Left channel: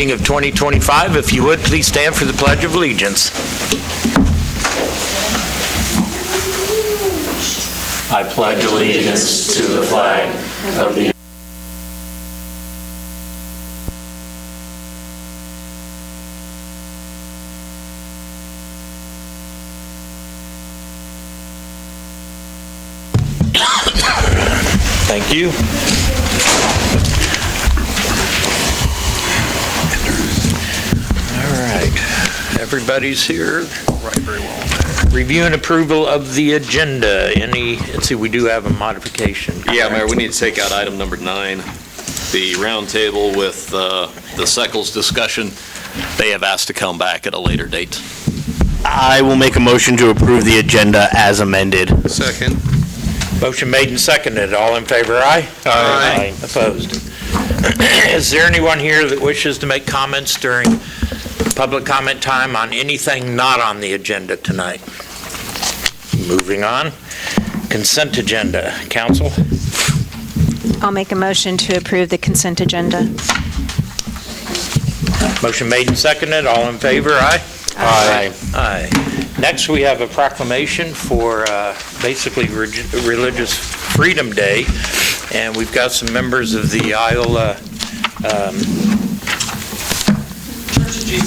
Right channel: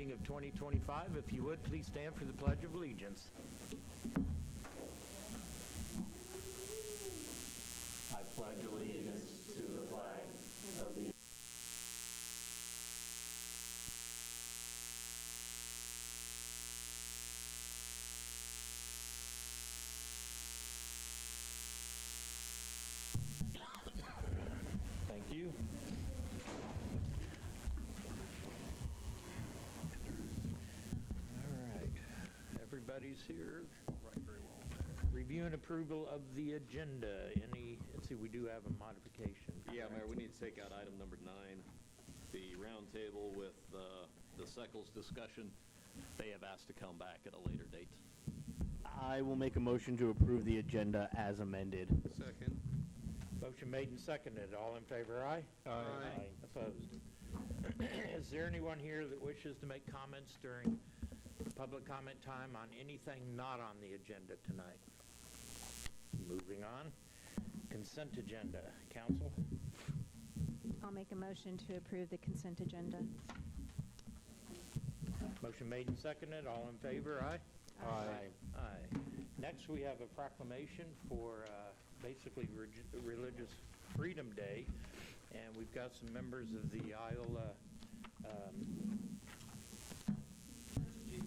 Of 2025. If you would, please stand for the Pledge of Allegiance. I pledge allegiance to the flag of the Thank you. Everybody's here. Right, very well. Review and approval of the agenda. Let's see, we do have a modification. Correct? Yeah, Mayor, we need to take out item number 9, the roundtable with the Seckles discussion. They have asked to come back at a later date. I will make a motion to approve the agenda as amended. Second. Motion made and seconded. All in favor, aye? Aye. Opposed? Is there anyone here that wishes to make comments during public comment time on anything not on the agenda tonight? Moving on. Consent agenda. Council? I'll make a motion to approve the consent agenda. Motion made and seconded. All in favor, aye? Aye. Aye. Next, we have a proclamation for basically Religious Freedom Day, and we've got some members of the Iola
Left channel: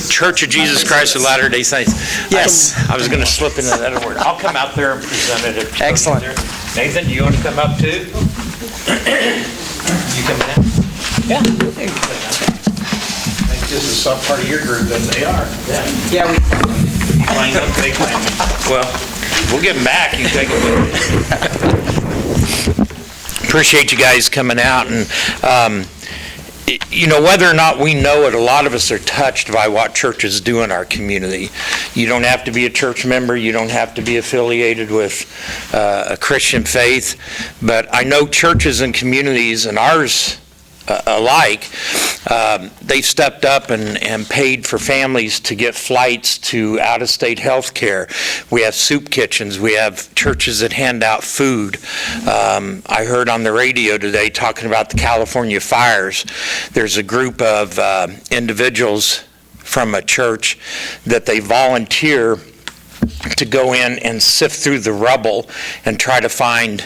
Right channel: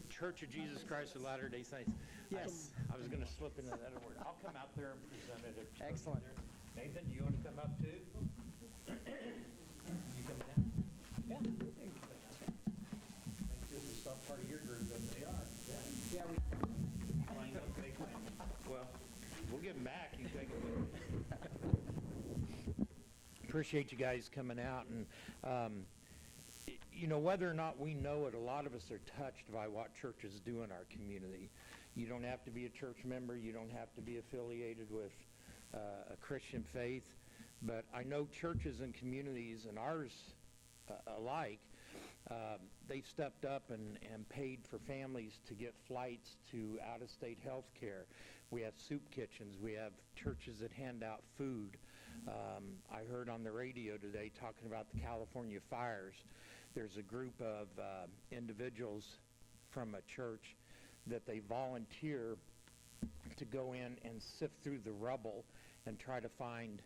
Church of Jesus Christ of Latter-day Saints. Yes. I was going to slip into that other word. I'll come out there and present it. Excellent. Nathan, do you want to come up too? You coming in? Yeah. I think this is some part of your group that they are. Yeah, we Line up, they claim. Well, we'll get them back. You take it. Appreciate you guys coming out. And, you know, whether or not we know it, a lot of us are touched by what churches do in our community. You don't have to be a church member. You don't have to be affiliated with a Christian faith. But I know churches and communities, and ours alike, they've stepped up and paid for families to get flights to out-of-state health care. We have soup kitchens. We have churches that hand out food. I heard on the radio today talking about the California fires. There's a group of individuals from a church that they volunteer to go in and sift through the rubble and try to find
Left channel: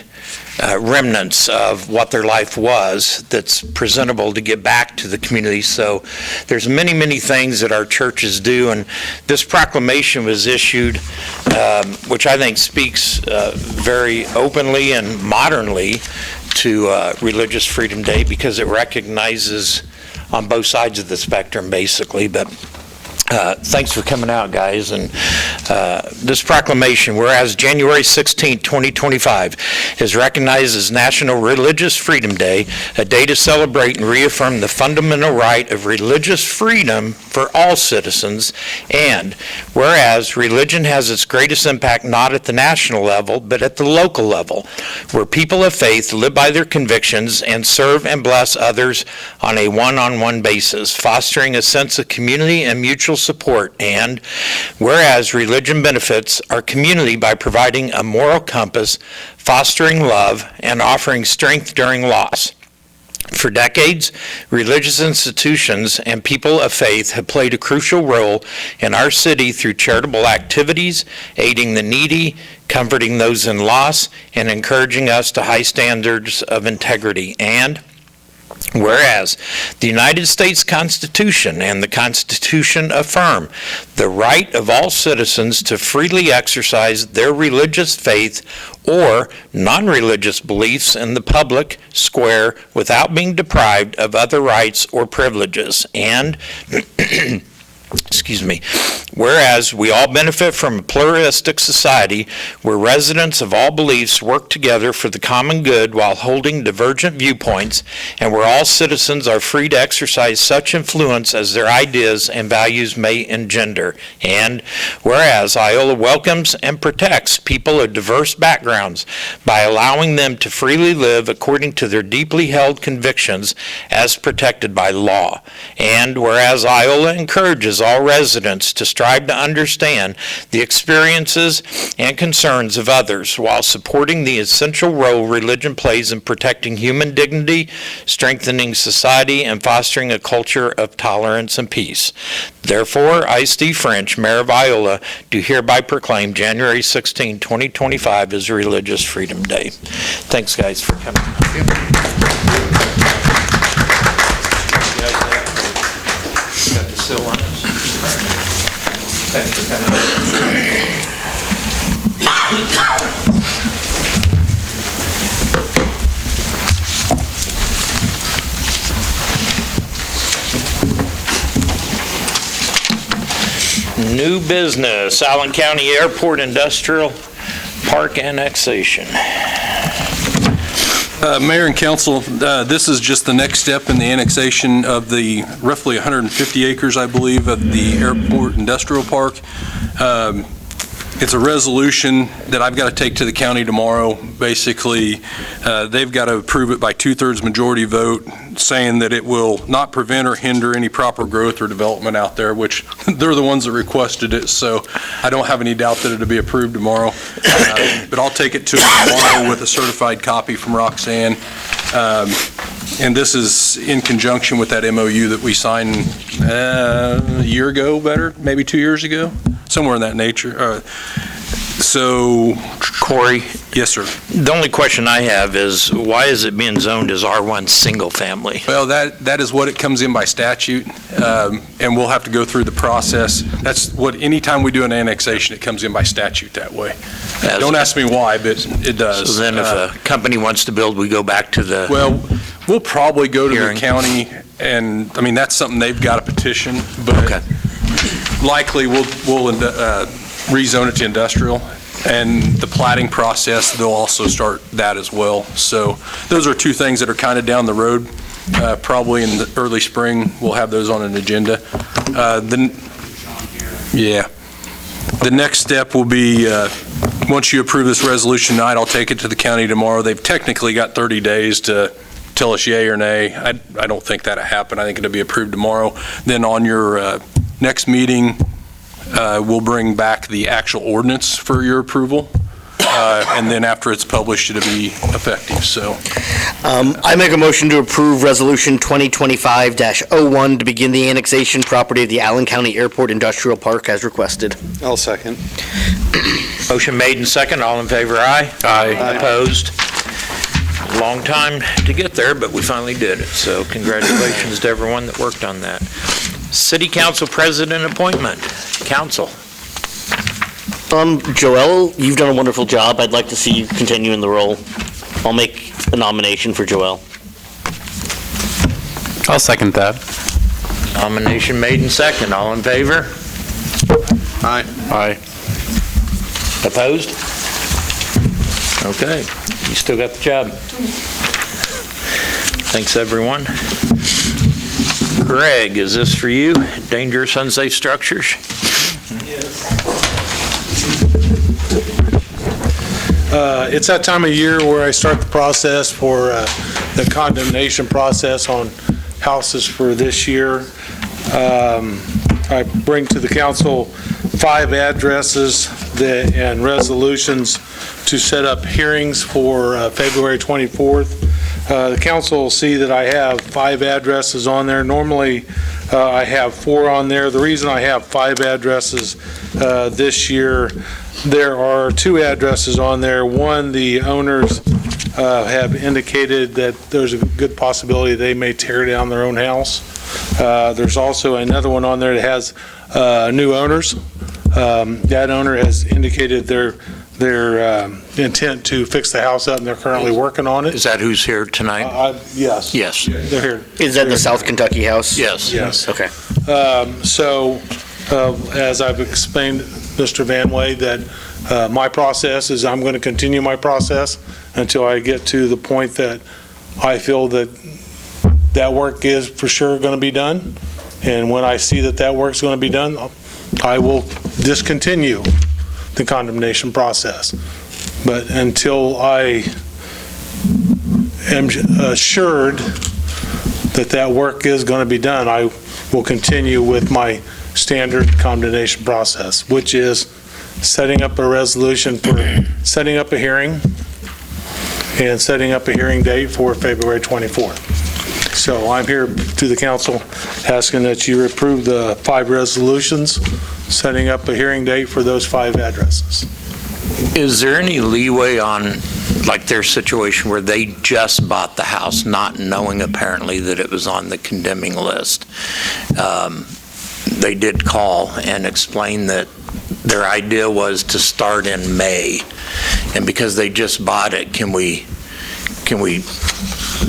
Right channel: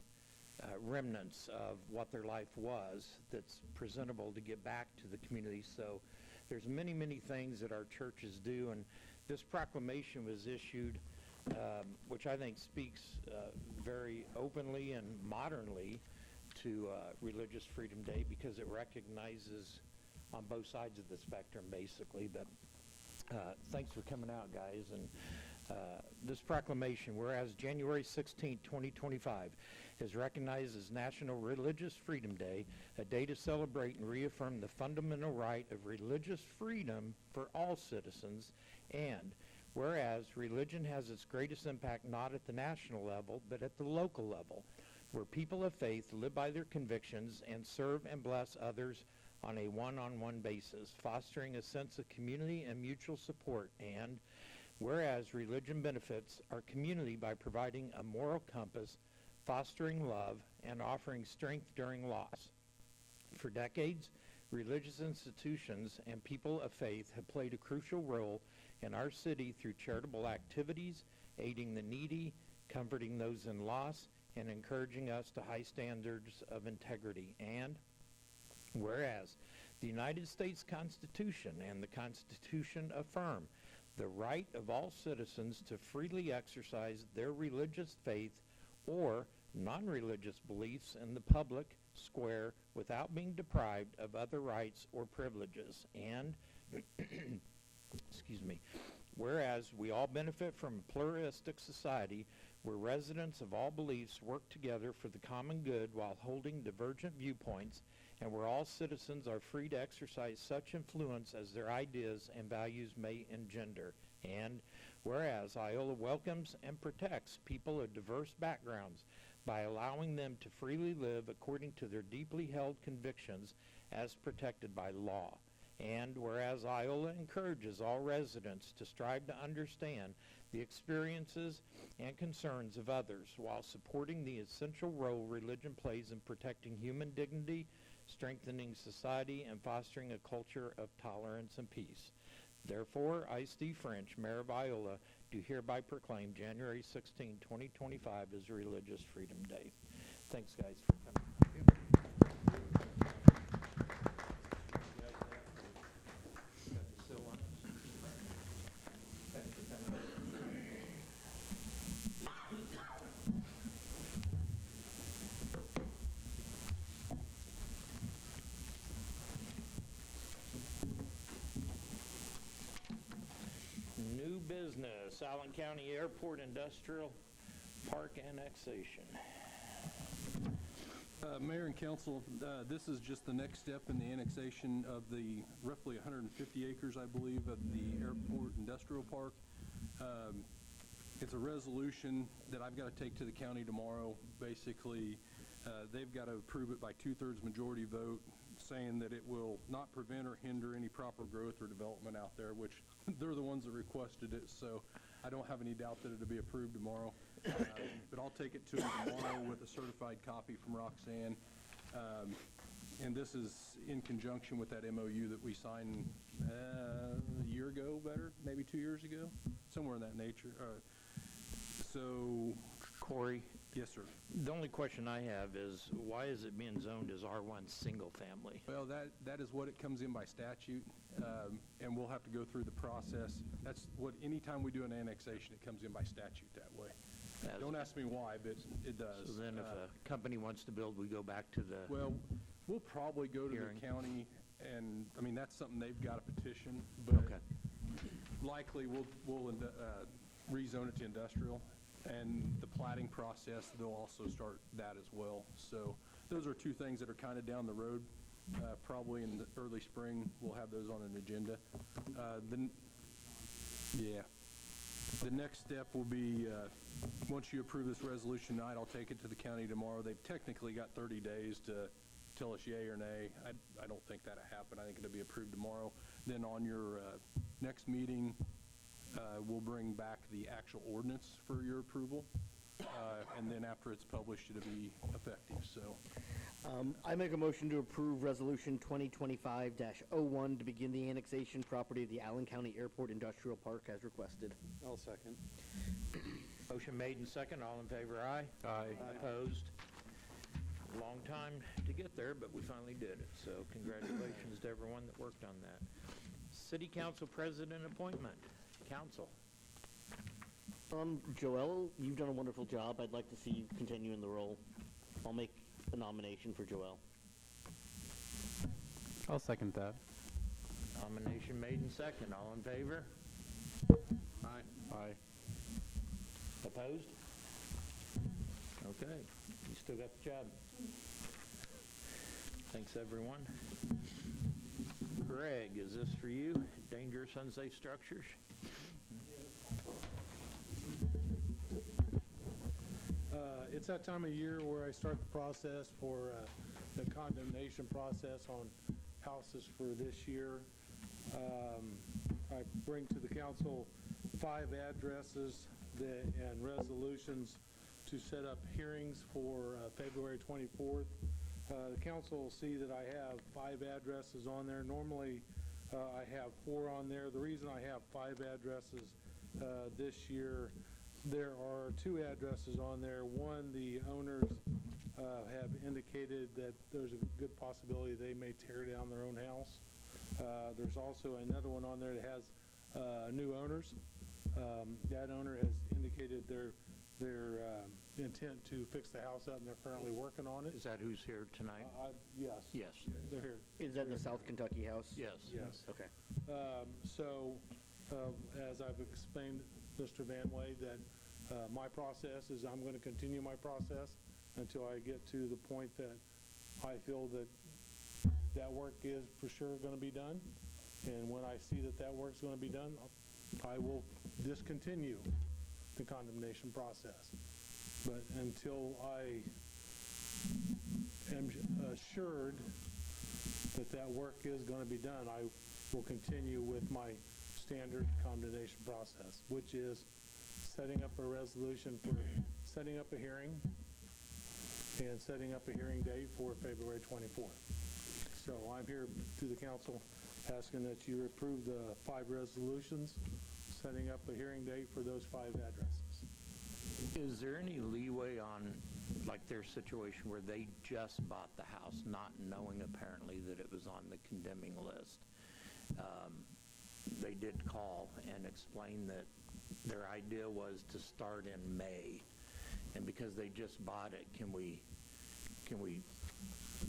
remnants of what their life was that's presentable to get back to the community. So there's many, many things that our churches do, and this proclamation was issued, which I think speaks very openly and modernly to Religious Freedom Day, because it recognizes on both sides of the spectrum, basically. But thanks for coming out, guys. And this proclamation, whereas January 16, 2025 is recognized as National Religious Freedom Day, a day to celebrate and reaffirm the fundamental right of religious freedom for all citizens. And whereas religion has its greatest impact not at the national level, but at the local level, where people of faith live by their convictions and serve and bless others on a one-on-one basis, fostering a sense of community and mutual support. And whereas religion benefits our community by providing a moral compass, fostering love, and offering strength during loss. For decades, religious institutions and people of faith have played a crucial role in our city through charitable activities, aiding the needy, comforting those in loss, and encouraging us to high standards of integrity. And whereas the United States Constitution and the Constitution affirm the right of all citizens to freely exercise their religious faith or non-religious beliefs in the public square without being deprived of other rights or privileges. And whereas we all benefit from a pluralistic society where residents of all beliefs work together for the common good while holding divergent viewpoints, and where all citizens are free to exercise such influence as their ideas and values may engender. And whereas Iola welcomes and protects people of diverse backgrounds by allowing them to freely live according to their deeply held convictions as protected by law. And whereas Iola encourages encourages all residents to strive to understand the experiences and concerns of others while supporting the essential role religion plays in protecting human dignity, strengthening society, and fostering a culture of tolerance and peace. Therefore, I, Steve French, Mayor of Iola, do hereby proclaim January 16, 2025 as Religious Freedom Day. Thanks, guys, for coming. Got the seal on it? Thanks for coming. New business, Allen County Airport Industrial Park annexation. Mayor and council, this is just the next step in the annexation of the roughly 150 acres, I believe, of the airport industrial park. It's a resolution that I've got to take to the county tomorrow. Basically, they've got to approve it by 2/3 majority vote, saying that it will not prevent or hinder any proper growth or development out there, which they're the ones that requested it, so I don't have any doubt that it'll be approved tomorrow. But I'll take it to them tomorrow with a certified copy from Roxanne. And this is in conjunction with that MOU that we signed a year ago, maybe 2 years ago, somewhere in that nature. So, Corey? Yes, sir. The only question I have is, why is it being zoned as R1 single family? Well, that is what it comes in by statute, and we'll have to go through the process. That's what, anytime we do an annexation, it comes in by statute that way. Don't ask me why, but it does. So then if a company wants to build, we go back to the... Well, we'll probably go to Hearing. the county, and, I mean, that's something they've got to petition, but Okay. likely we'll rezone it to industrial, and the plating process, they'll also start that as well. So those are two things that are kind of down the road. Probably in the early spring, we'll have those on an agenda. The next step will be, once you approve this resolution tonight, I'll take it to the county tomorrow. They've technically got 30 days to tell us yay or nay. I don't think that'll happen. I think it'll be approved tomorrow. Then on your next meeting, we'll bring back the actual ordinance for your approval, and then after it's published, it'll be effective. So, I make a motion to approve Resolution 2025-01 to begin the annexation property of the Allen County Airport Industrial Park as requested. I'll second. Motion made and second. All in favor, aye? Aye. Opposed? Long time to get there, but we finally did it. So congratulations to everyone that worked on that. City Council President appointment. Council. Joelle, you've done a wonderful job. I'd like to see you continue in the role. I'll make a nomination for Joelle. I'll second that. Nomination made and second. All in favor? Aye. Aye. Opposed? Okay, you still got the job. Thanks, everyone. Greg, is this for you? Dangerous, unsafe structures? It's that time of year where I start the process for the condemnation process on houses for this year. I bring to the council 5 addresses and resolutions to set up hearings for February 24th. The council will see that I have 5 addresses on there. Normally, I have 4 on there. The reason I have 5 addresses this year, there are 2 addresses on there. One, the owners have indicated that there's a good possibility they may tear down their own house. There's also another one on there that has new owners. That owner has indicated their intent to fix the house up, and they're currently working on it. Is that who's here tonight? Yes. Yes. They're here. Is that the South Kentucky house? Yes. Yes. Okay. So, as I've explained, Mr. Van Way, that my process is I'm going to continue my process until I get to the point that I feel that that work is for sure going to be done. And when I see that that work's going to be done, I will discontinue the condemnation process. But until I am assured that that work is going to be done, I will continue with my standard condemnation process, which is setting up a resolution for setting up a hearing and setting up a hearing date for February 24th. So I'm here to the council asking that you approve the 5 resolutions, setting up a hearing date for those 5 addresses. Is there any leeway on, like, their situation where they just bought the house, not knowing apparently that it was on the condemning list? They did call and explain that their idea was to start in May, and because they just bought it, can we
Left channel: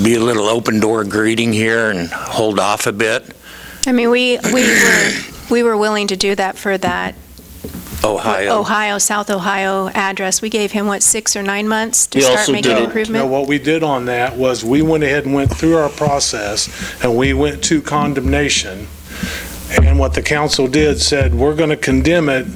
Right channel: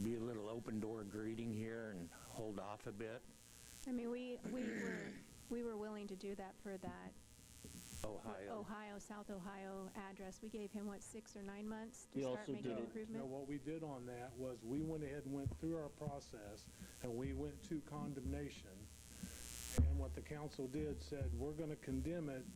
be a little open door greeting here and hold off a bit? I mean, we were willing to do that for that South Ohio address. We gave him, 6 or 9 months to We start also making did it- improvement? Now, what we did on that was we went ahead and went through our process, and we went to condemnation. And what the council did said, we're going to condemn it,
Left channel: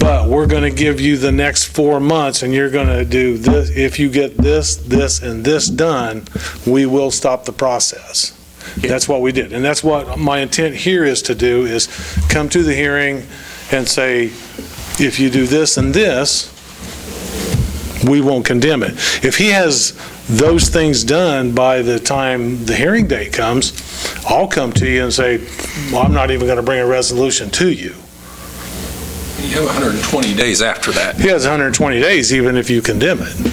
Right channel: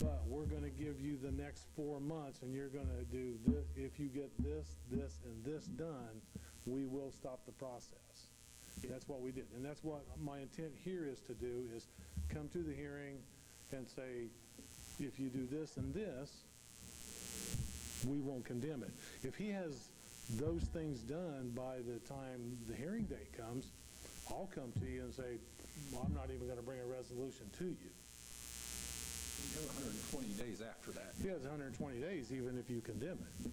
but we're going to give you the next 4 months, and you're going to do this. If you get this, this, and this done, we will stop the process. That's what we did. And that's what my intent here is to do, is come to the hearing and say, if you do this and this, we won't condemn it. If he has those things done by the time the hearing date comes, I'll come to you and say, well, I'm not even going to bring a resolution to you. You have 120 days after that. He has 120 days, even if you condemn it.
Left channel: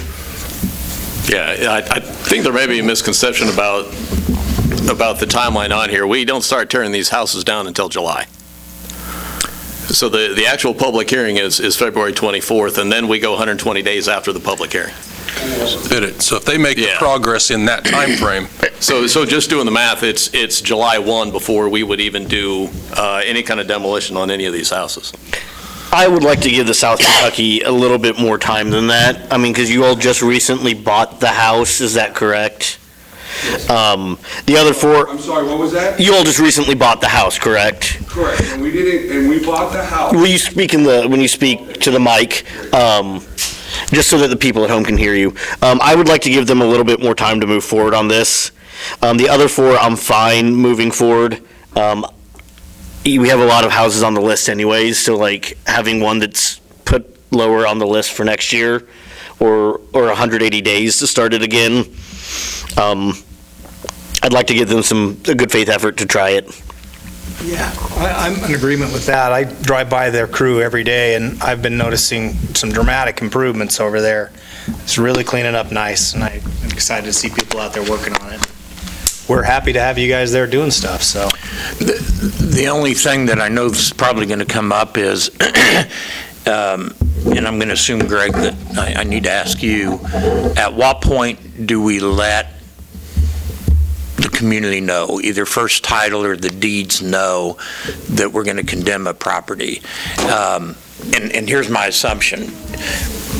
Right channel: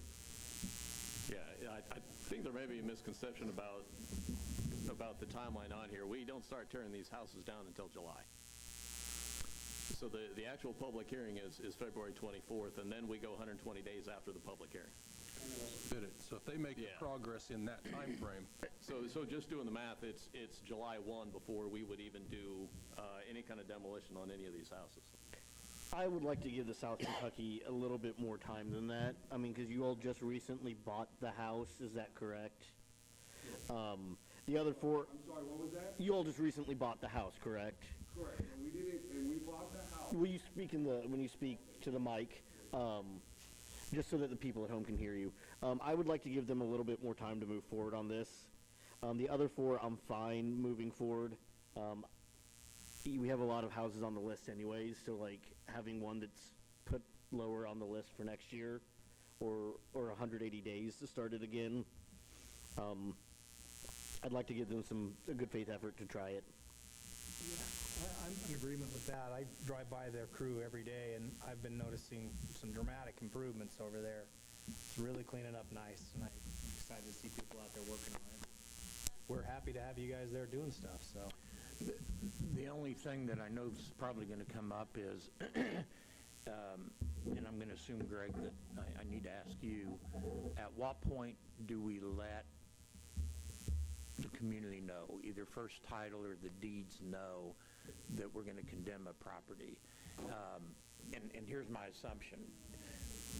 Yeah, I think there may be a misconception about the timeline on here. We don't start tearing these houses down until July. So the actual public hearing is February 24th, and then we go 120 days after the public hearing. Did it. So if they make the Yeah. progress in that time frame, So just doing the math, it's July 1 before we would even do any kind of demolition on any of these houses. I would like to give the South Kentucky a little bit more time than that. I mean, because you all just recently bought the house, is that correct? The other 4, I'm sorry, what was that? you all just recently bought the house, correct? Correct, and we didn't, and we bought the house. Will you speak when you speak to the mic, just so that the people at home can hear you? I would like to give them a little bit more time to move forward on this. The other 4, I'm fine moving forward. We have a lot of houses on the list anyways, so like having one that's put lower on the list for next year or 180 days to start it again, I'd like to give them a good faith effort to try it. Yeah, I'm in agreement with that. I drive by their crew every day, and I've been noticing some dramatic improvements over there. It's really cleaning up nice, and I'm excited to see people out there working on it. We're happy to have you guys there doing stuff, so. The only thing that I know is probably going to come up is, and I'm going to assume, Greg, that I need to ask you, at what point do we let the community know, either first title or the deeds know, that we're going to condemn a property? And here's my assumption.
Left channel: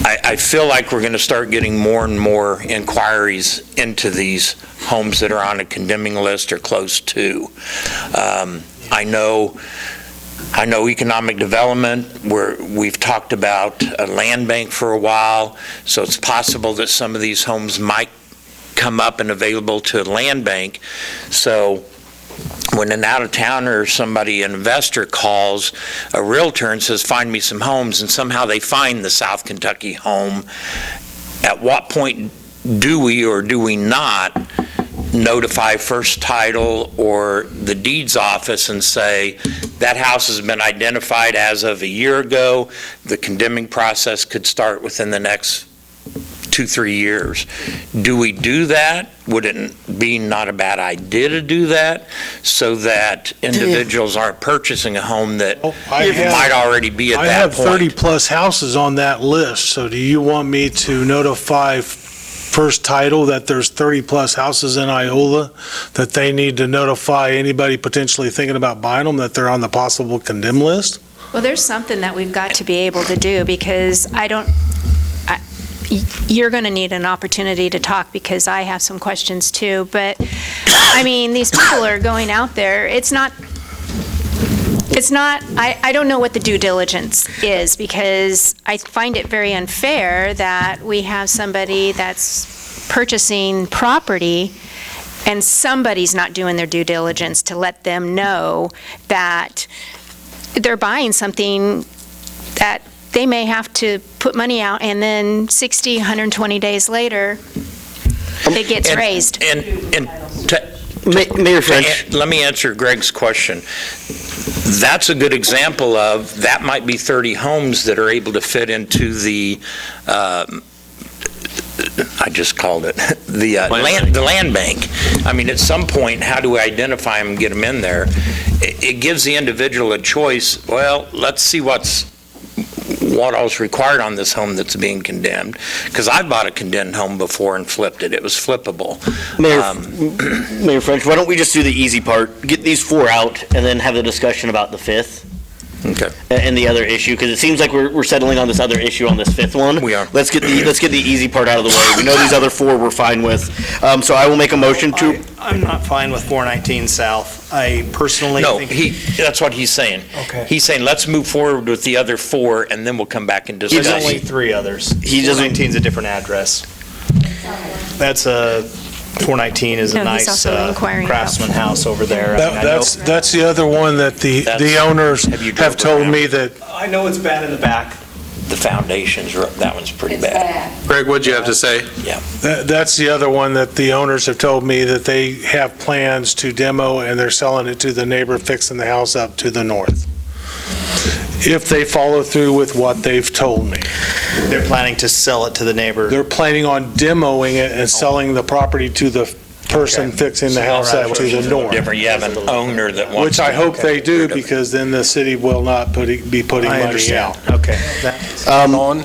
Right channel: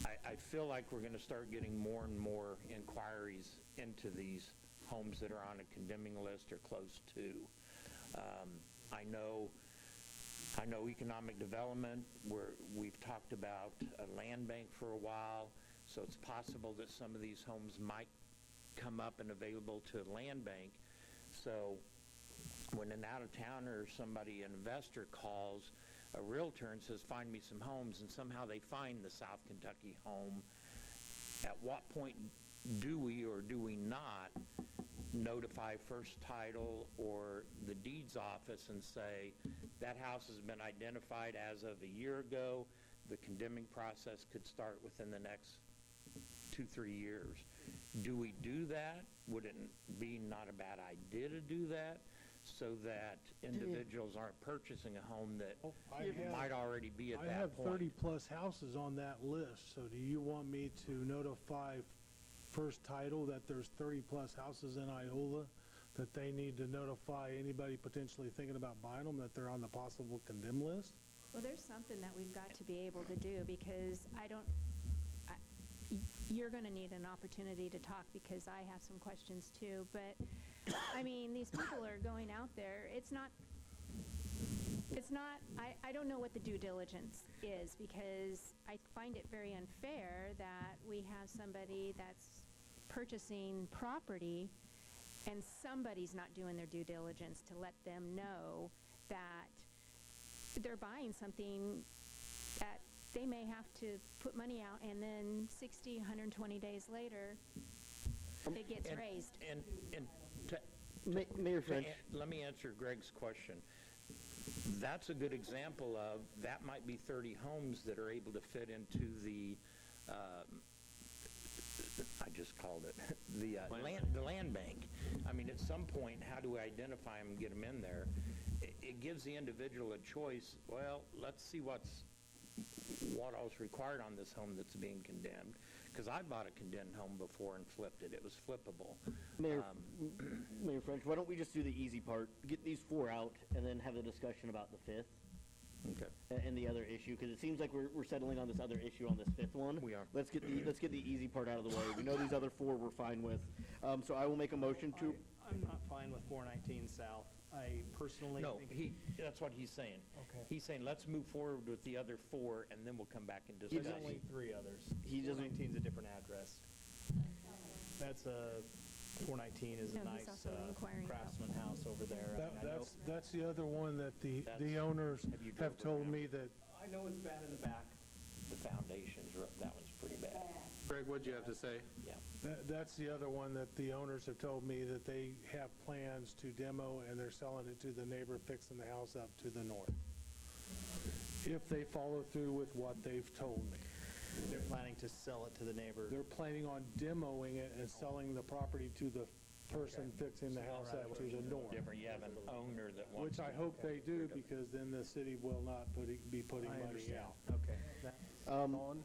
I feel like we're going to start getting more and more inquiries into these homes that are on a condemning list or close to. I know economic development, where we've talked about a land bank for a while, so it's possible that some of these homes might come up and available to a land bank. So when an out-of-towner or somebody, an investor, calls a realtor and says, find me some homes, and somehow they find the South Kentucky home, at what point do we or do we not notify first title or the deeds office and say, that house has been identified as of a year ago, the condemning process could start within the next 2-3 years? Do we do that? Would it be not a bad idea to do that so that individuals aren't purchasing a home that might already be at I that have point? 30-plus houses on that list, so do you want me to notify first title that there's 30-plus houses in Iola, that they need to notify anybody potentially thinking about buying them, that they're on the possible condemn list? Well, there's something that we've got to be able to do, because you're going to need an opportunity to talk, because I have some questions too. But, I mean, these people are going out there. It's not, I don't know what the due diligence is, because I find it very unfair that we have somebody that's purchasing property and somebody's not doing their due diligence to let them know that they're buying something that they may have to put money out, and then 60, 120 days later, it gets raised. And Mayor French. let me answer Greg's question. That's a good example of, that might be 30 homes that are able to fit into the, I just called it, the land bank. I mean, at some point, how do we identify them and get them in there? It gives the individual a choice. Well, let's see what all's required on this home that's being condemned. Because I bought a condemned home before and flipped it. It was flippable. Mayor French, why don't we just do the easy part, get these 4 out, and then have the discussion about the 5th? Okay. And the other issue, because it seems like we're settling on this other issue on this 5th one. We are. Let's get the easy part out of the way. We know these other 4 we're fine with. So I will make a motion to. I'm not fine with 419 South. I personally No, think. that's what he's saying. Okay. He's saying, let's move forward with the other 4, and then we'll come back and discuss. There's only 3 others. He doesn't- 419 is a different address. That's 419 is a No, he's nice also inquiring about- Craftsman house over there. I mean, I know- That's the other one that the owners Have you drove have told around? me that I know it's bad in the back. The foundations, that one's pretty bad. Greg, what'd you have to say? That's the other one that the owners have told me that they have plans to demo, and they're selling it to the neighbor fixing the house up to the north. If they follow through with what they've told me. They're planning to sell it to the neighbor. They're planning on demoing it and selling the property to the person fixing the house up to the north. Different, you have an owner that wants. Which I to hope they get do, rid of it. because then the city will not be putting I money understand. out. Okay. On,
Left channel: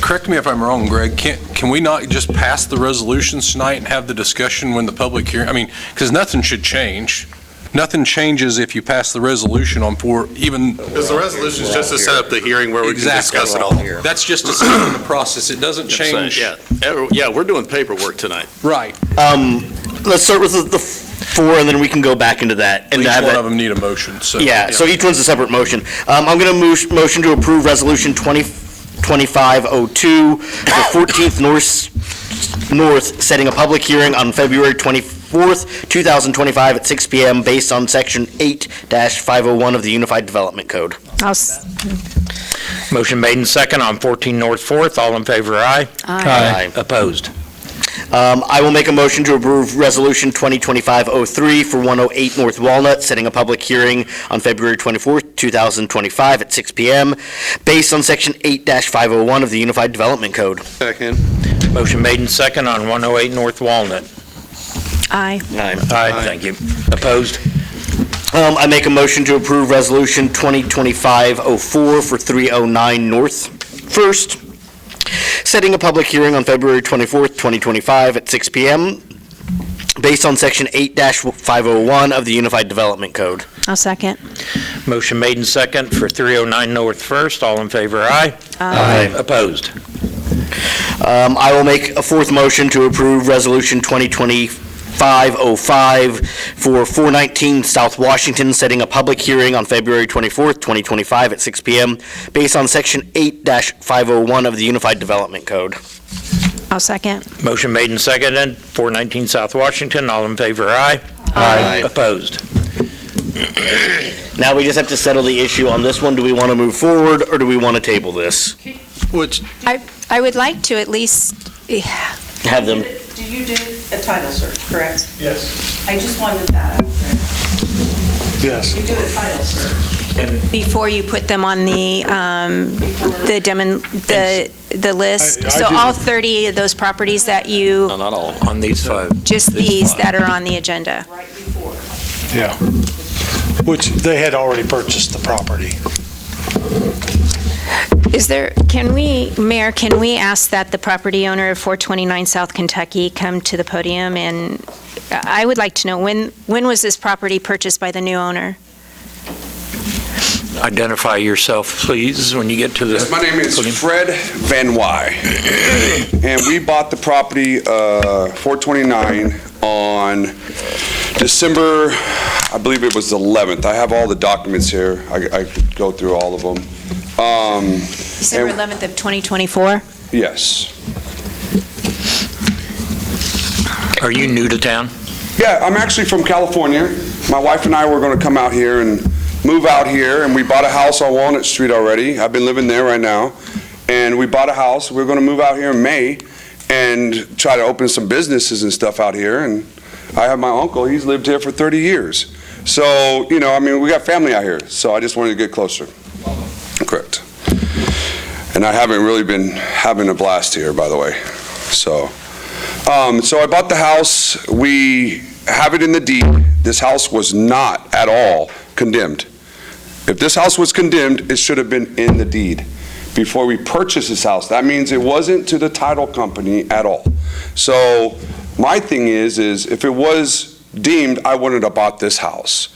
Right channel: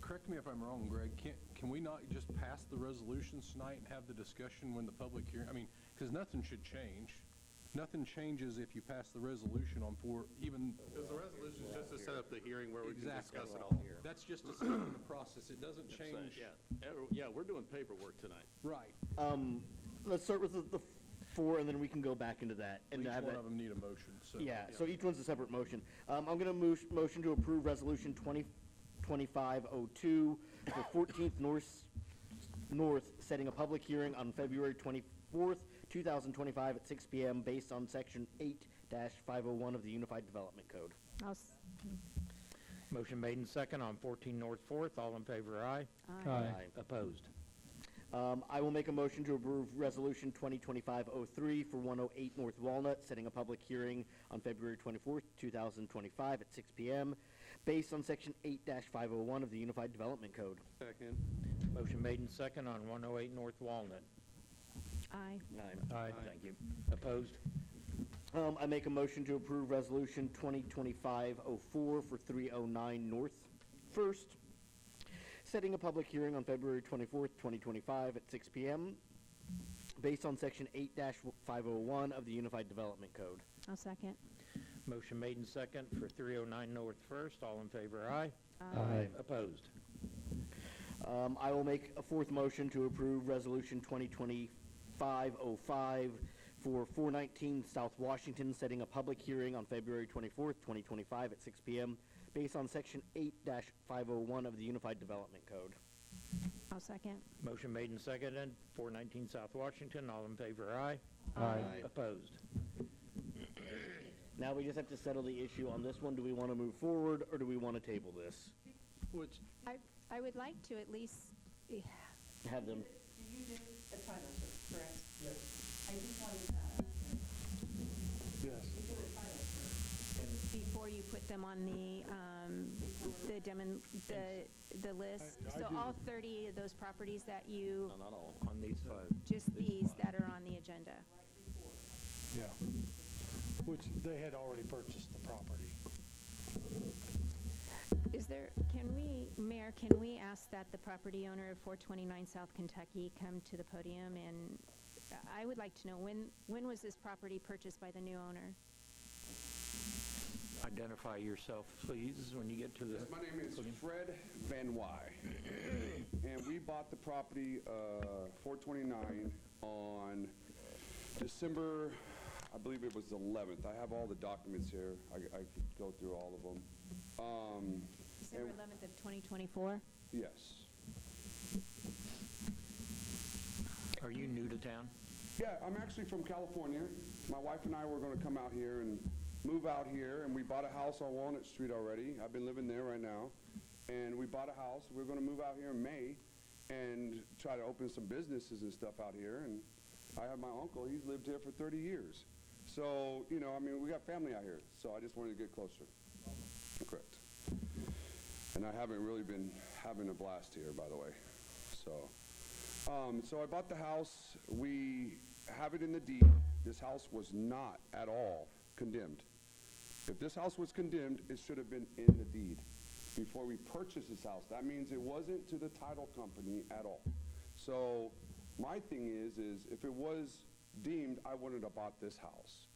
correct me if I'm wrong, Greg, can we not just pass the resolutions tonight and have the discussion when the public hearing, I mean, because nothing should change. Nothing changes if you pass the resolution on 4, even. Because the resolution is just to set up the hearing where we can Exactly. discuss it all. That's just a step in the process. It doesn't change. Yeah, we're doing paperwork tonight. Right. Let's start with the 4, and then we can go back into that. And Each have one that- of them need a motion, so. Yeah, so each one's a separate motion. I'm going to motion to approve Resolution 2025-02 for 14th North, setting a public hearing on February 24th, 2025 at 6 PM based on Section 8-501 of the Unified Development Code. Motion made and second on 14 North 4th. All in favor, aye? Aye. Opposed? I will make a motion to approve Resolution 2025-03 for 108 North Walnut, setting a public hearing on February 24th, 2025 at 6 PM based on Section 8-501 of the Unified Development Code. Second. Motion made and second on 108 North Walnut. Aye. Aye. Thank you. Opposed? I make a motion to approve Resolution 2025-04 for 309 North First, setting a public hearing on February 24th, 2025 at 6 PM based on Section 8-501 of the Unified Development Code. I'll second. Motion made and second for 309 North First. All in favor, aye? Aye. Opposed? I will make a 4th motion to approve Resolution 2025-05 for 419 South Washington, setting a public hearing on February 24th, 2025 at 6 PM based on Section 8-501 of the Unified Development Code. I'll second. Motion made and seconded, 419 South Washington. All in favor, aye? Aye. Opposed? Now we just have to settle the issue on this one. Do we want to move forward, or do we want to table this? Which, I would like to at least, Have them, You did a title search, correct? Yes. I just wanted that. Yes. You do a title search. before you put them on the list. I So do. all 30 of those properties that you, no, not all. On these 5. just these that are on the agenda. Right before. Yeah. Which they had already purchased the property. Is there, Mayor, can we ask that the property owner of 429 South Kentucky come to the podium? And I would like to know, when was this property purchased by the new owner? Identify yourself, please, when you get to the Yes, my name is podium. Fred Van Wy, and we bought the property 429 on December, I believe it was the 11th. I have all the documents here. I could go through all of them. December 11th of 2024? Yes. Are you new to town? Yeah, I'm actually from California. My wife and I were going to come out here and move out here, and we bought a house on Walnut Street already. I've been living there right now. And we bought a house. We're going to move out here in May and try to open some businesses and stuff out here. And I have my uncle. He's lived here for 30 years. So, you know, I mean, we got family out here. So I just wanted to get closer. Correct. And I haven't really been having a blast here, by the way. So I bought the house. We have it in the deed. This house was not at all condemned. If this house was condemned, it should have been in the deed before we purchased this house. That means it wasn't to the title company at all. So my thing is if it was deemed, I wouldn't have bought this house.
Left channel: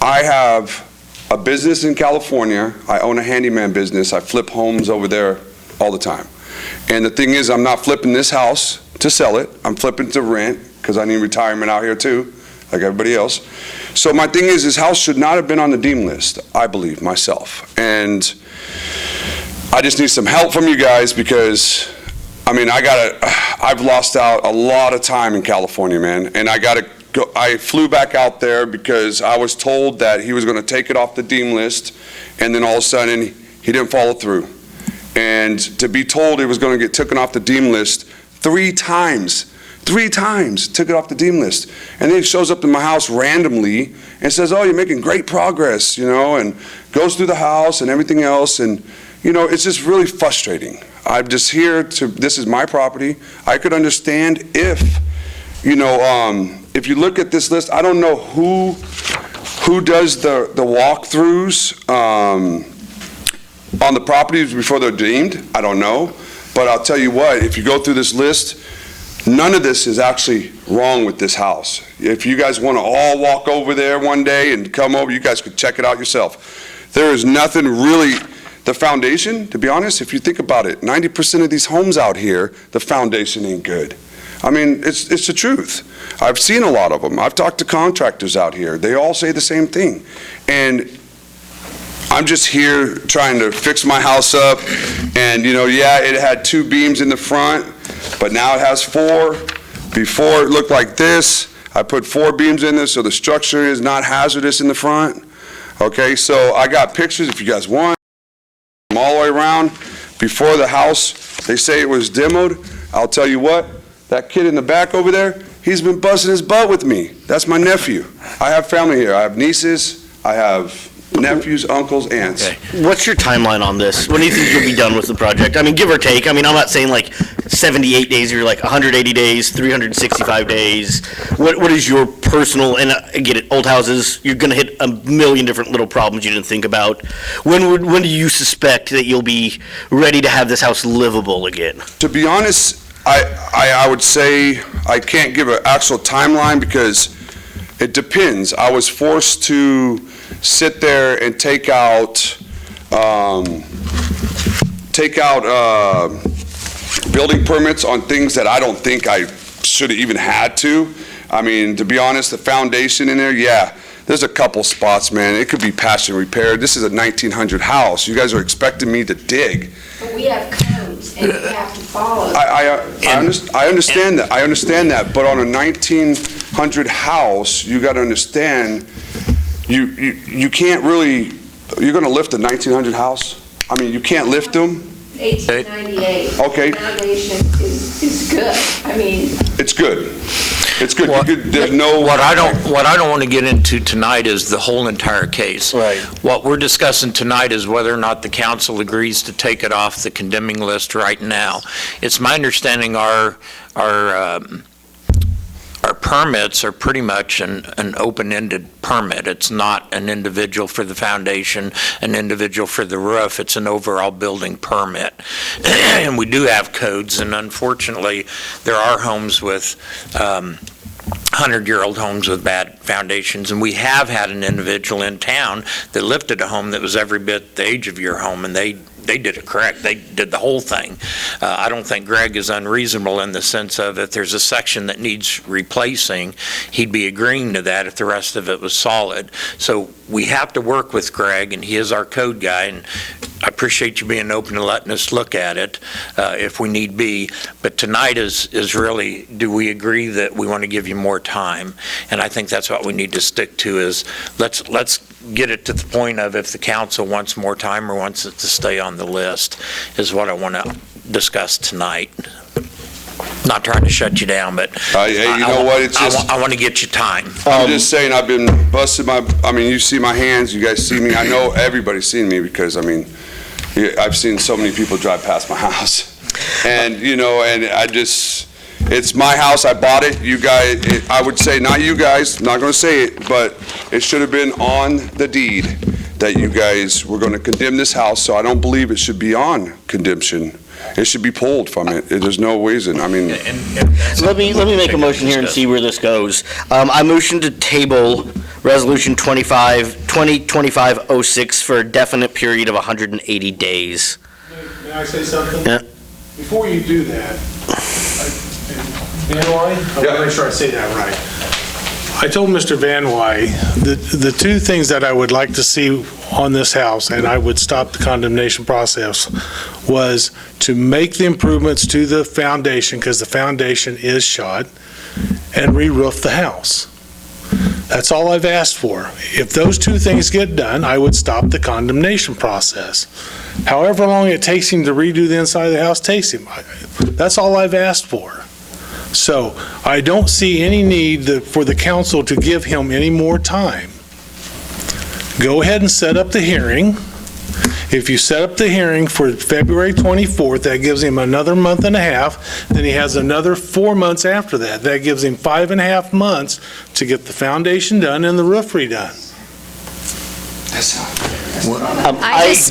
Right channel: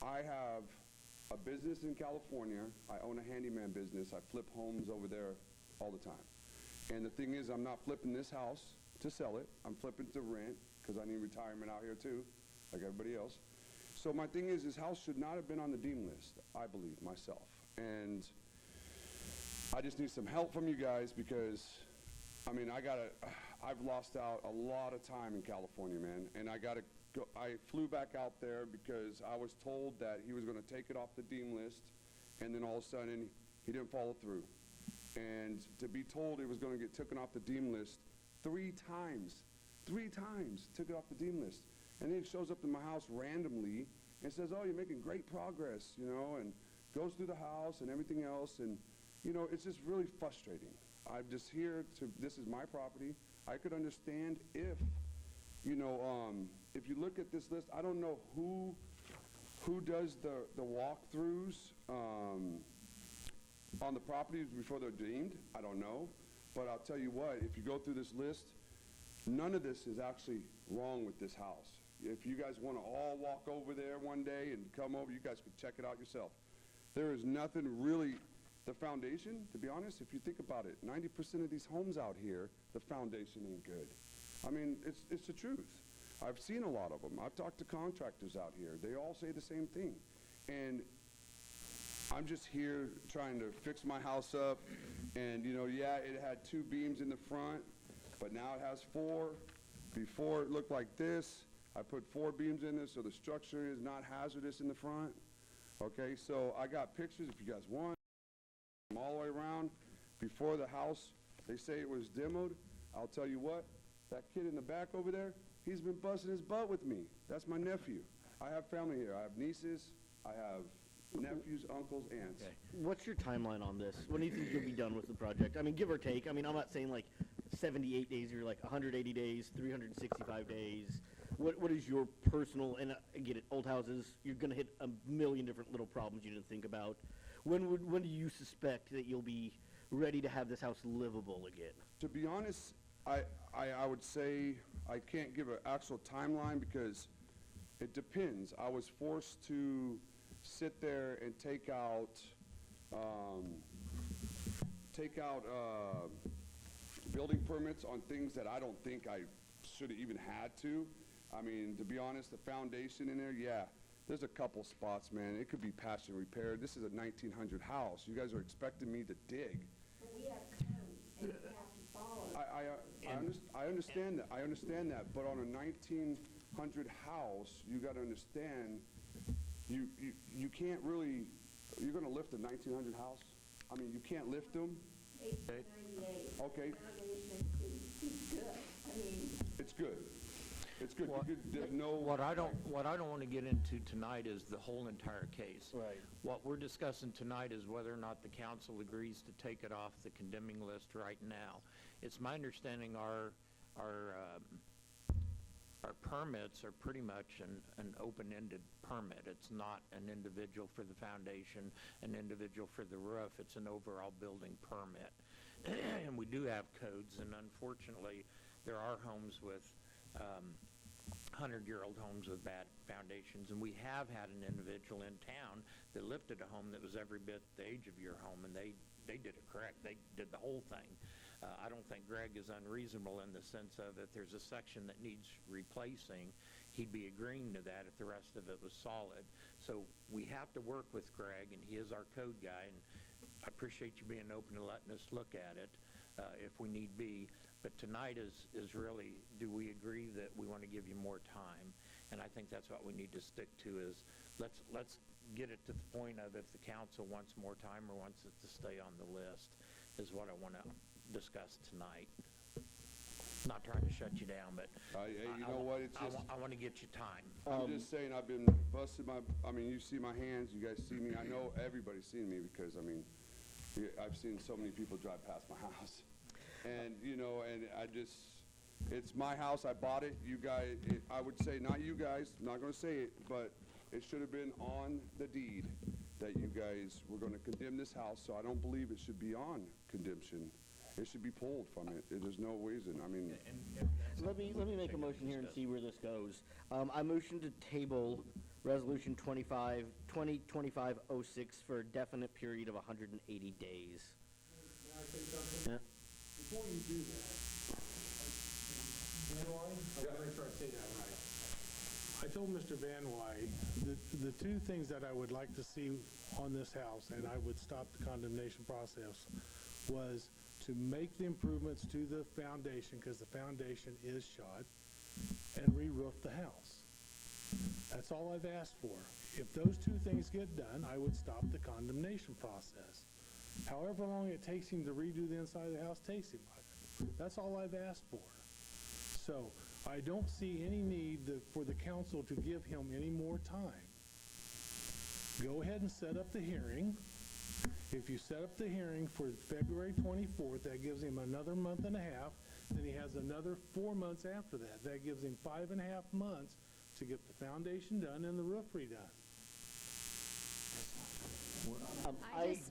I have a business in California. I own a handyman business. I flip homes over there all the time. And the thing is, I'm not flipping this house to sell it. I'm flipping to rent because I need retirement out here too, like everybody else. So my thing is, this house should not have been on the deem list, I believe, myself. And I just need some help from you guys because, I mean, I've lost out a lot of time in California, man. And I flew back out there because I was told that he was going to take it off the deem list, and then all of a sudden he didn't follow through. And to be told it was going to get taken off the deem list 3 times, took it off the deem list. And then he shows up in my house randomly and says, oh, you're making great progress, you know, and goes through the house and everything else. And, you know, it's just really frustrating. I'm just here this is my property. I could understand if, you know, if you look at this list, I don't know who does the walkthroughs on the properties before they're deemed. I don't know. But I'll tell you what, if you go through this list, none of this is actually wrong with this house. If you guys want to all walk over there one day and come over, you guys could check it out yourself. There is nothing really, the foundation, to be honest, if you think about it, 90% of these homes out here, the foundation ain't good. I mean, it's the truth. I've seen a lot of them. I've talked to contractors out here. They all say the same thing. And I'm just here trying to fix my house up. And, you know, yeah, it had 2 beams in the front, but now it has 4. Before it looked like this. I put 4 beams in there so the structure is not hazardous in the front. Okay, so I got pictures if you guys want. All the way around. Before the house, they say it was demoed. I'll tell you what, that kid in the back over there, he's been busting his butt with me. That's my nephew. I have family here. I have nieces. I have nephews, uncles, aunts. Okay. What's your timeline on this? When do you think you'll be done with the project? I mean, give or take. I mean, I'm not saying like 78 days or like 180 days, 365 days. What is your personal, and I get it, old houses, you're going to hit a million different little problems you didn't think about. When do you suspect that you'll be ready to have this house livable again? To be honest, I would say I can't give an actual timeline because it depends. I was forced to sit there and take out building permits on things that I don't think I should have even had to. I mean, to be honest, the foundation in there, yeah, there's a couple spots, man. It could be patched and repaired. This is a 1900 house. You guys are expecting me to dig. But we have codes and we have to follow. I understand that. I understand that. But on a 1900 house, you got to understand, you can't really. You're going to lift a 1900 house? I mean, you can't lift them. 1898. Okay. The foundation is good. I mean. It's good. It's good. There's no. What I don't want to get into tonight is the whole entire case. Right. What we're discussing tonight is whether or not the council agrees to take it off the condemning list right now. It's my understanding our permits are pretty much an open-ended permit. It's not an individual for the foundation, an individual for the roof. It's an overall building permit. And we do have codes, and unfortunately, there are homes with 100-year-old homes with bad foundations, and we have had an individual in town that lifted a home that was every bit the age of your home, and they did it correct. They did the whole thing. I don't think Greg is unreasonable in the sense of if there's a section that needs replacing, he'd be agreeing to that if the rest of it was solid. So we have to work with Greg, and he is our code guy, and I appreciate you being open and letting us look at it if we need be. But tonight is really, do we agree that we want to give you more time? And I think that's what we need to stick to is let's get it to the point of if the council wants more time or wants it to stay on the list, is what I want to discuss tonight. Not trying to shut you down, but You know what, it's just, I want to get you time. I'm just saying, I've been busting you see my hands, you guys see me, I know everybody's seen me because, I've seen so many people drive past my house. And, it's my house, I bought it, you guys, I would say, not you guys, not gonna say it, but it should have been on the deed that you guys were gonna condemn this house, so I don't believe it should be on condemnation. It should be pulled from it. There's no reason, Let me make a motion here and see where this goes. I motion to table Resolution 2025-06 for a definite period of 180 days. May I say something? Yeah. Before you do that, Van Wy, I want to make sure I say that right. I told Mr. Van Wy, the two things that I would like to see on this house, and I would stop the condemnation process, was to make the improvements to the foundation, because the foundation is shot, and re-roof the house. That's all I've asked for. If those two things get done, I would stop the condemnation process. However long it takes him to redo the inside of the house takes him. That's all I've asked for. So I don't see any need for the council to give him any more time. Go ahead and set up the hearing. If you set up the hearing for February 24th, that gives him another month and a half. Then he has another 4 months after that. That gives him 5.5 months to get the foundation done and the roof redone.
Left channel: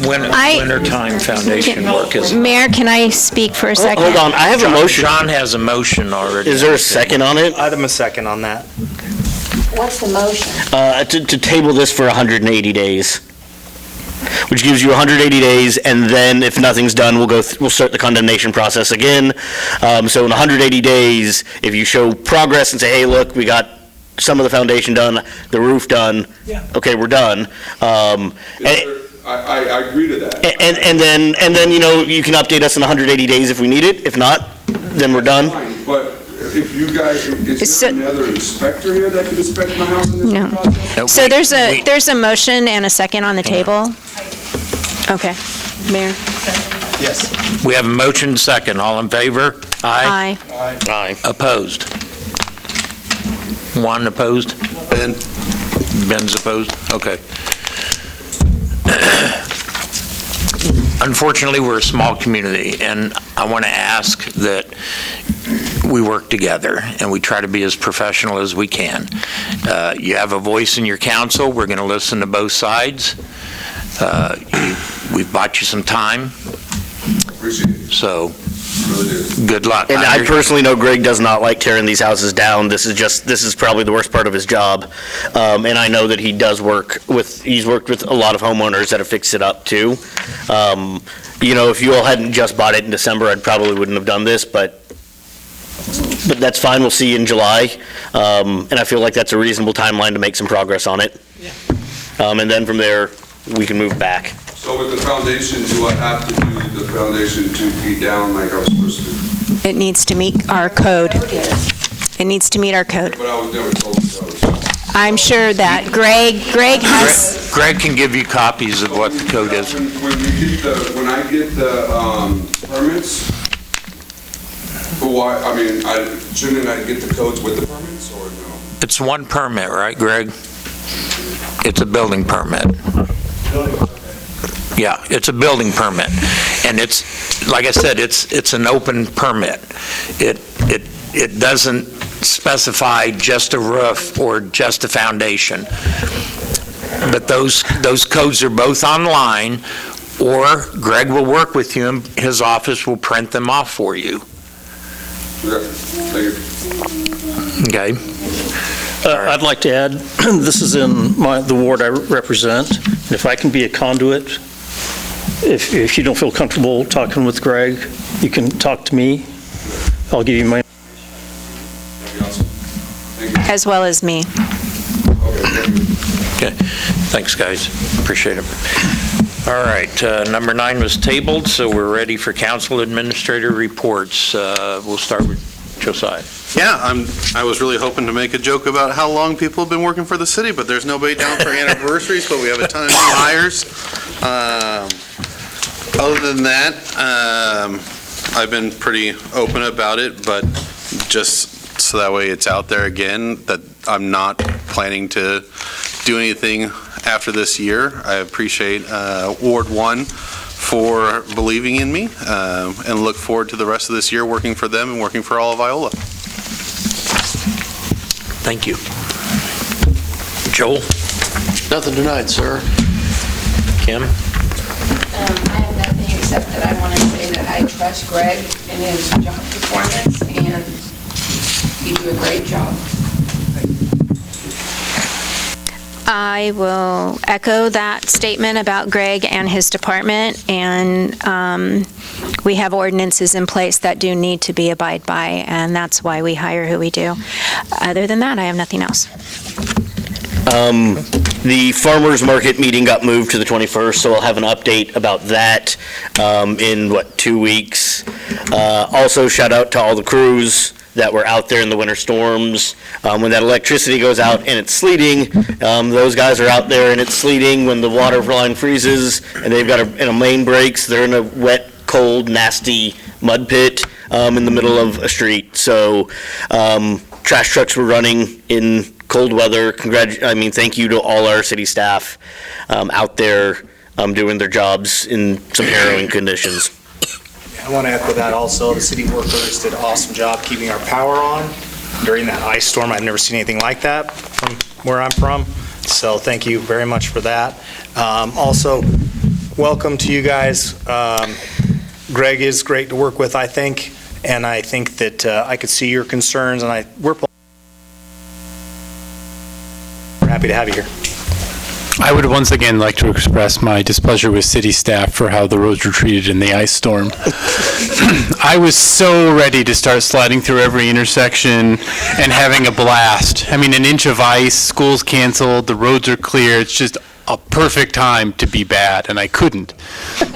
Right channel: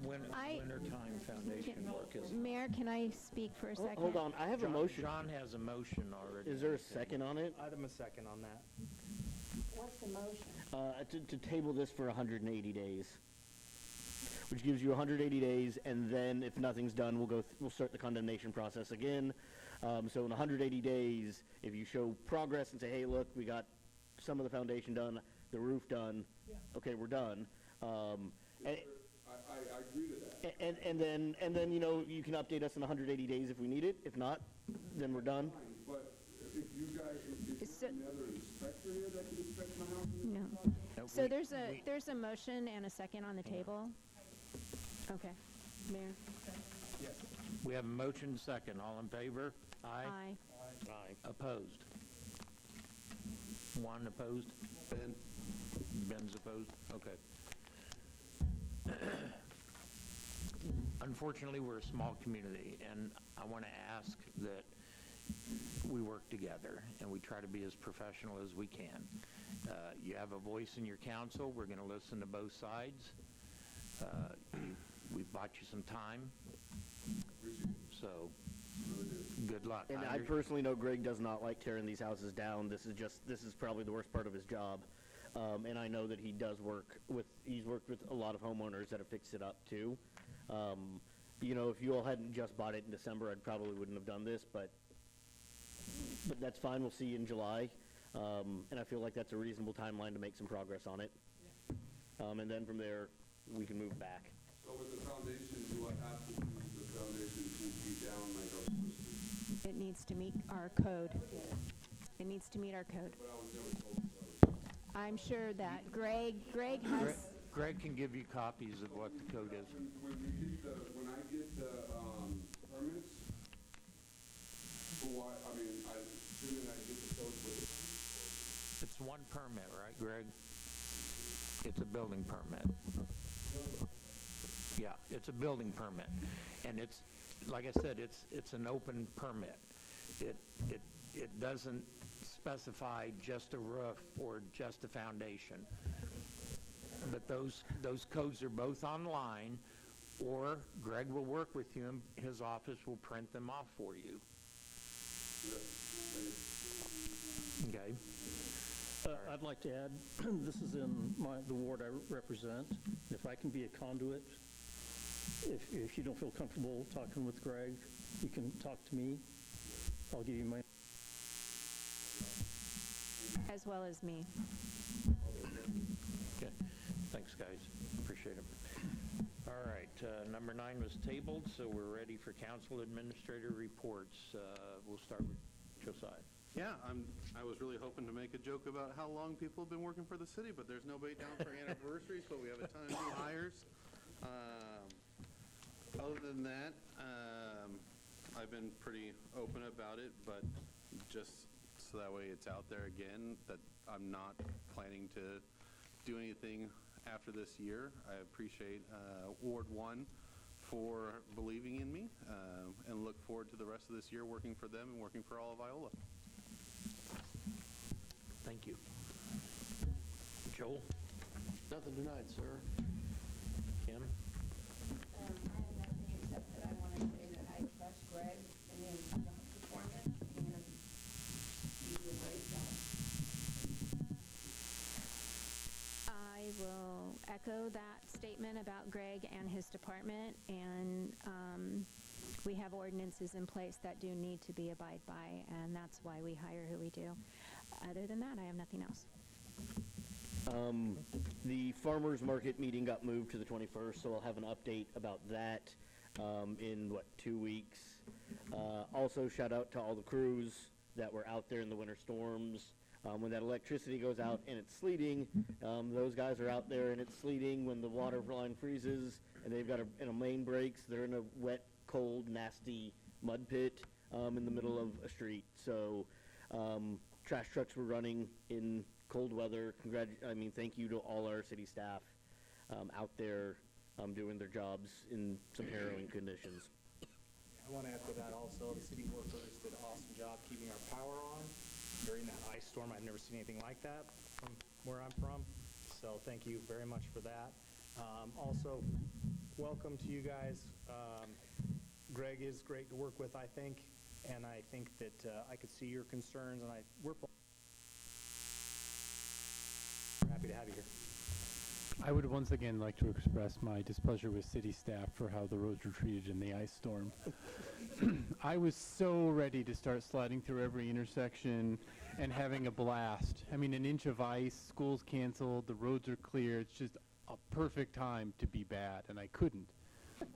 Wintertime foundation work is. Mayor, can I speak for a second? Hold on, I have a motion. John has a motion already. Is there a second on it? I'd have a second on that. What's the motion? To table this for 180 days, which gives you 180 days, and then if nothing's done, we'll start the condemnation process again. So in 180 days, if you show progress and say, hey, look, we got some of the foundation done, the roof done, okay, we're done. I agree to that. And then you can update us in 180 days if we need it. If not, then we're done. Fine, but if you guys, is So- there another inspector here that could inspect my house in this No. process? No, So wait, there's wait. a motion and a second on the table? Okay. Mayor? Yes. We have a motion second. All in favor? Aye. Aye. Aye. Opposed? One opposed? Ben. Ben's opposed? Okay. Unfortunately, we're a small community, and I want to ask that we work together and we try to be as professional as we can. You have a voice in your council. We're going to listen to both sides. We've bought you some time, Appreciate it, so really do. good luck. And I personally know Greg does not like tearing these houses down. This is probably the worst part of his job. And I know that he's worked with a lot of homeowners that have fixed it up too. If you all hadn't just bought it in December, I probably wouldn't have done this, but that's fine. We'll see you in July. And I feel like that's a reasonable timeline to make some progress on it. And then from there, we can move back. So with the foundation, do I have to do the foundation 2 feet down like I was supposed to? It needs to meet our code. It needs to meet our code. But I was never told so. I'm sure that Greg has, Greg can give you copies of what the code is. When I get the permits, shouldn't I get the codes with the permits or no? It's one permit, right, Greg? It's a building permit. Yeah, it's a building permit. And it's, like I said, it's an open permit. It doesn't specify just a roof or just a foundation. But those codes are both online, or Greg will work with you and his office will print them off for you. Okay, thank you. Okay? I'd like to add, this is in the ward I represent. If I can be a conduit, if you don't feel comfortable talking with Greg, you can talk to me. I'll give you my... as well as me. Okay, thanks, guys. Appreciate it. All right, number 9 was tabled, so we're ready for council administrator reports. We'll start with Josiah. Yeah, I was really hoping to make a joke about how long people have been working for the city, but there's nobody down for anniversaries, but we have a ton of new hires. Other than that, I've been pretty open about it, but just so that way it's out there again, that I'm not planning to do anything after this year. I appreciate Ward 1 for believing in me, and look forward to the rest of this year working for them and working for all of Iola. Thank you. Joel? Nothing tonight, sir. Kim? I have nothing except that I want to say that I trust Greg in his job performance, and you do a great job. I will echo that statement about Greg and his department, and we have ordinances in place that do need to be abided by, and that's why we hire who we do. Other than that, I have nothing else. The farmers market meeting got moved to the 21st, so I'll have an update about that in, 2 weeks. Also, shout out to all the crews that were out there in the winter storms. When that electricity goes out and it's sleeting, those guys are out there and it's sleeting. When the water line freezes and they've got and a main breaks, they're in a wet, cold, nasty mud pit in the middle of a street. So trash trucks were running in cold weather. Thank you to all our city staff out there doing their jobs in some harrowing conditions. I want to echo that also. The city workers did an awesome job keeping our power on during that ice storm. I've never seen anything like that from where I'm from. So thank you very much for that. Also, welcome to you guys. Greg is great to work with, I think. And I think that I could see your concerns, and we're happy to have you here. I would once again like to express my displeasure with city staff for how the roads were treated in the ice storm. I was so ready to start sliding through every intersection and having a blast. I mean, an inch of ice, school's canceled, the roads are clear. It's just a perfect time to be bad, and I couldn't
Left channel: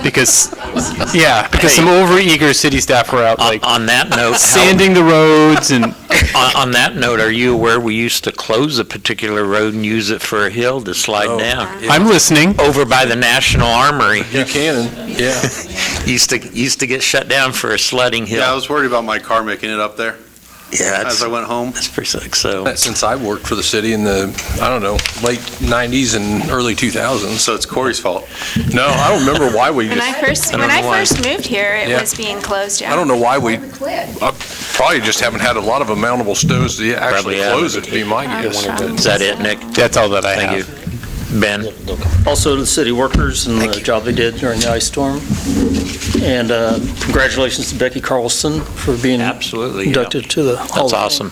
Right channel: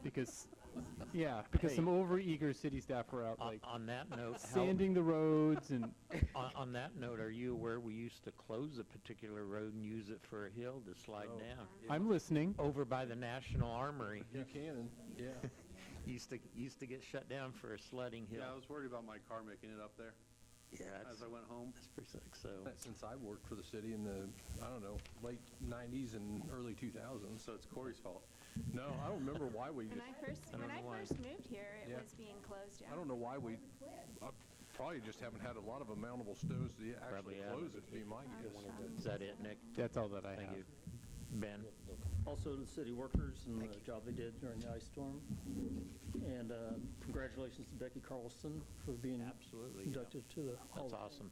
because some overeager city staff were out On that note, sanding the roads and. On that note, are you aware we used to close a particular road and use it for a hill to slide down? I'm listening. Over by the National Armory. Buchanan, yeah. Used to get shut down for a sledding hill. Yeah, I was worried about my car making it up there Yeah, as I went home. that's pretty sick. So Since I worked for the city in the, late 90s and early 2000s. So it's Corey's fault. No, I don't remember why we When I first moved here, it Yeah. was being closed down. I don't know why we Quit. probably just haven't had a lot of mountable stoves to actually Probably close haven't. it, to be my guess. is that it, Nick? That's all that I Thank have. you. Ben? Also to the city workers and the job they did during the ice storm. And congratulations to Becky Carlson for being Absolutely. inducted to the Hall of That's Fame. awesome.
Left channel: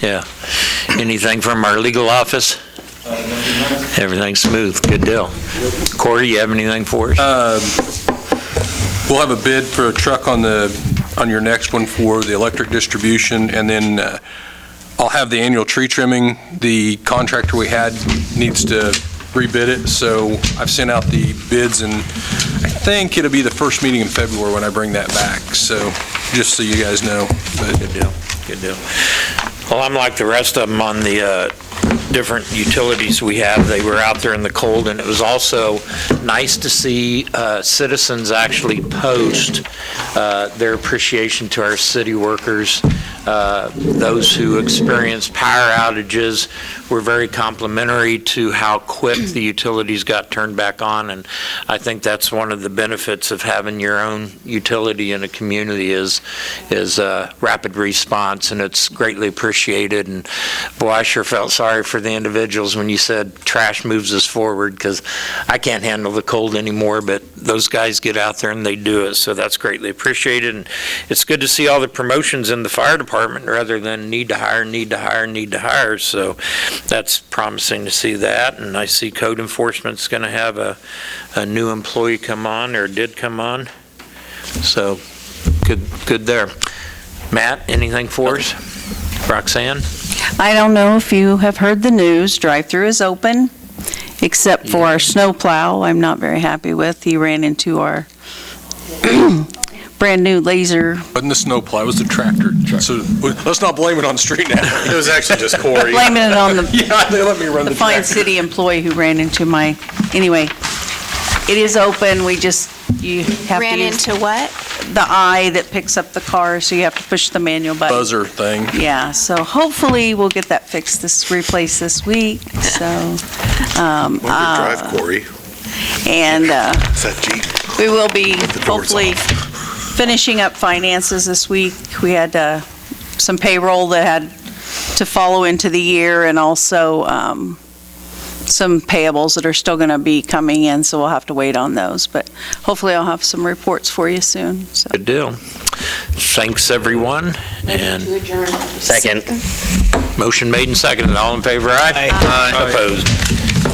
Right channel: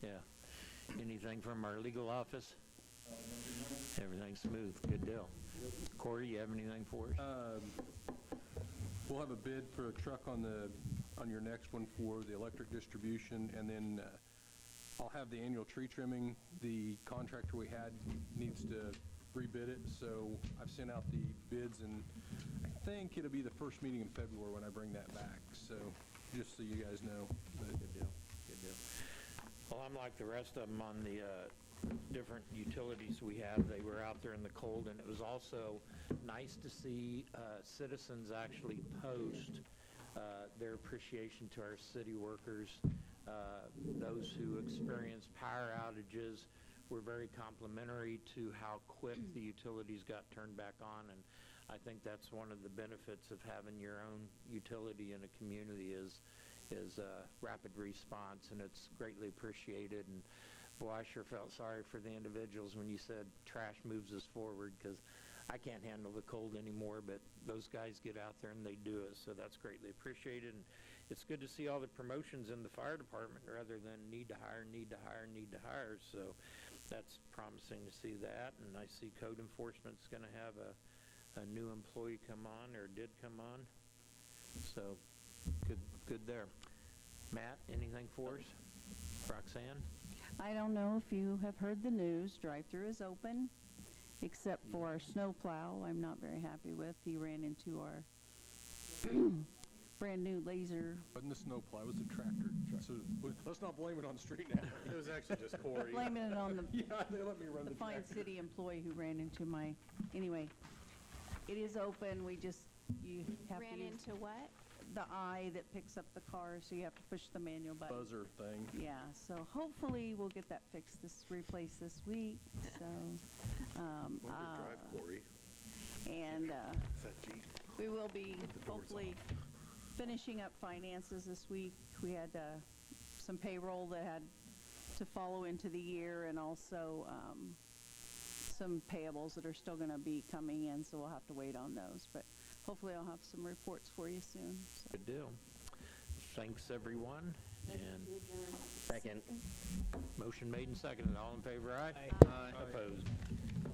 Yeah. Anything from our legal office? Everything's smooth. Good deal. Corey, you have anything for us? We'll have a bid for a truck on your next one for the electric distribution, and then I'll have the annual tree trimming. The contractor we had needs to rebid it, so I've sent out the bids, and I think it'll be the first meeting in February when I bring that back, so just so you guys know. But Good deal. Good deal. Well, I'm like the rest of them on the different utilities we have. They were out there in the cold, and it was also nice to see citizens actually post their appreciation to our city workers. Those who experienced power outages were very complimentary to how quick the utilities got turned back on, and I think that's one of the benefits of having your own utility in a community is rapid response, and it's greatly appreciated. And boy, I sure felt sorry for the individuals when you said trash moves us forward, because I can't handle the cold anymore, but those guys get out there and they do it, so that's greatly appreciated. And it's good to see all the promotions in the fire department rather than need to hire, so that's promising to see that. And I see code enforcement's going to have a new employee come on, or did come on, so good there. Matt, anything for us? Roxanne? I don't know if you have heard the news, drive-through is open, except for our snowplow I'm not very happy with. He ran into our brand-new laser. Wasn't the snowplow, it was the tractor. So let's not blame it on the street now. It was actually just Corey. Blaming it on Yeah, they let me run the the fine tractor. city employee who ran into anyway, it is open, you have to Ran use into what? the eye that picks up the car, so you have to push the manual button. Buzzer thing. Yeah, so hopefully we'll get that fixed, replaced this week, so. Drive, Corey. And Is that Jeep? we will be the doors hopefully finishing up finances this week. We had some payroll that had to follow into the year, and also some payables that are still going to be coming in, so we'll have to wait on those. But hopefully I'll have some reports for you soon. So. Good deal. Thanks, everyone. And To adjourn. Second. motion made and seconded. All in favor, aye? Aye. Opposed?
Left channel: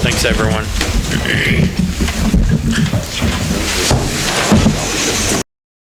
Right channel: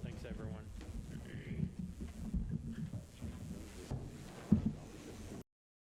Thanks, everyone.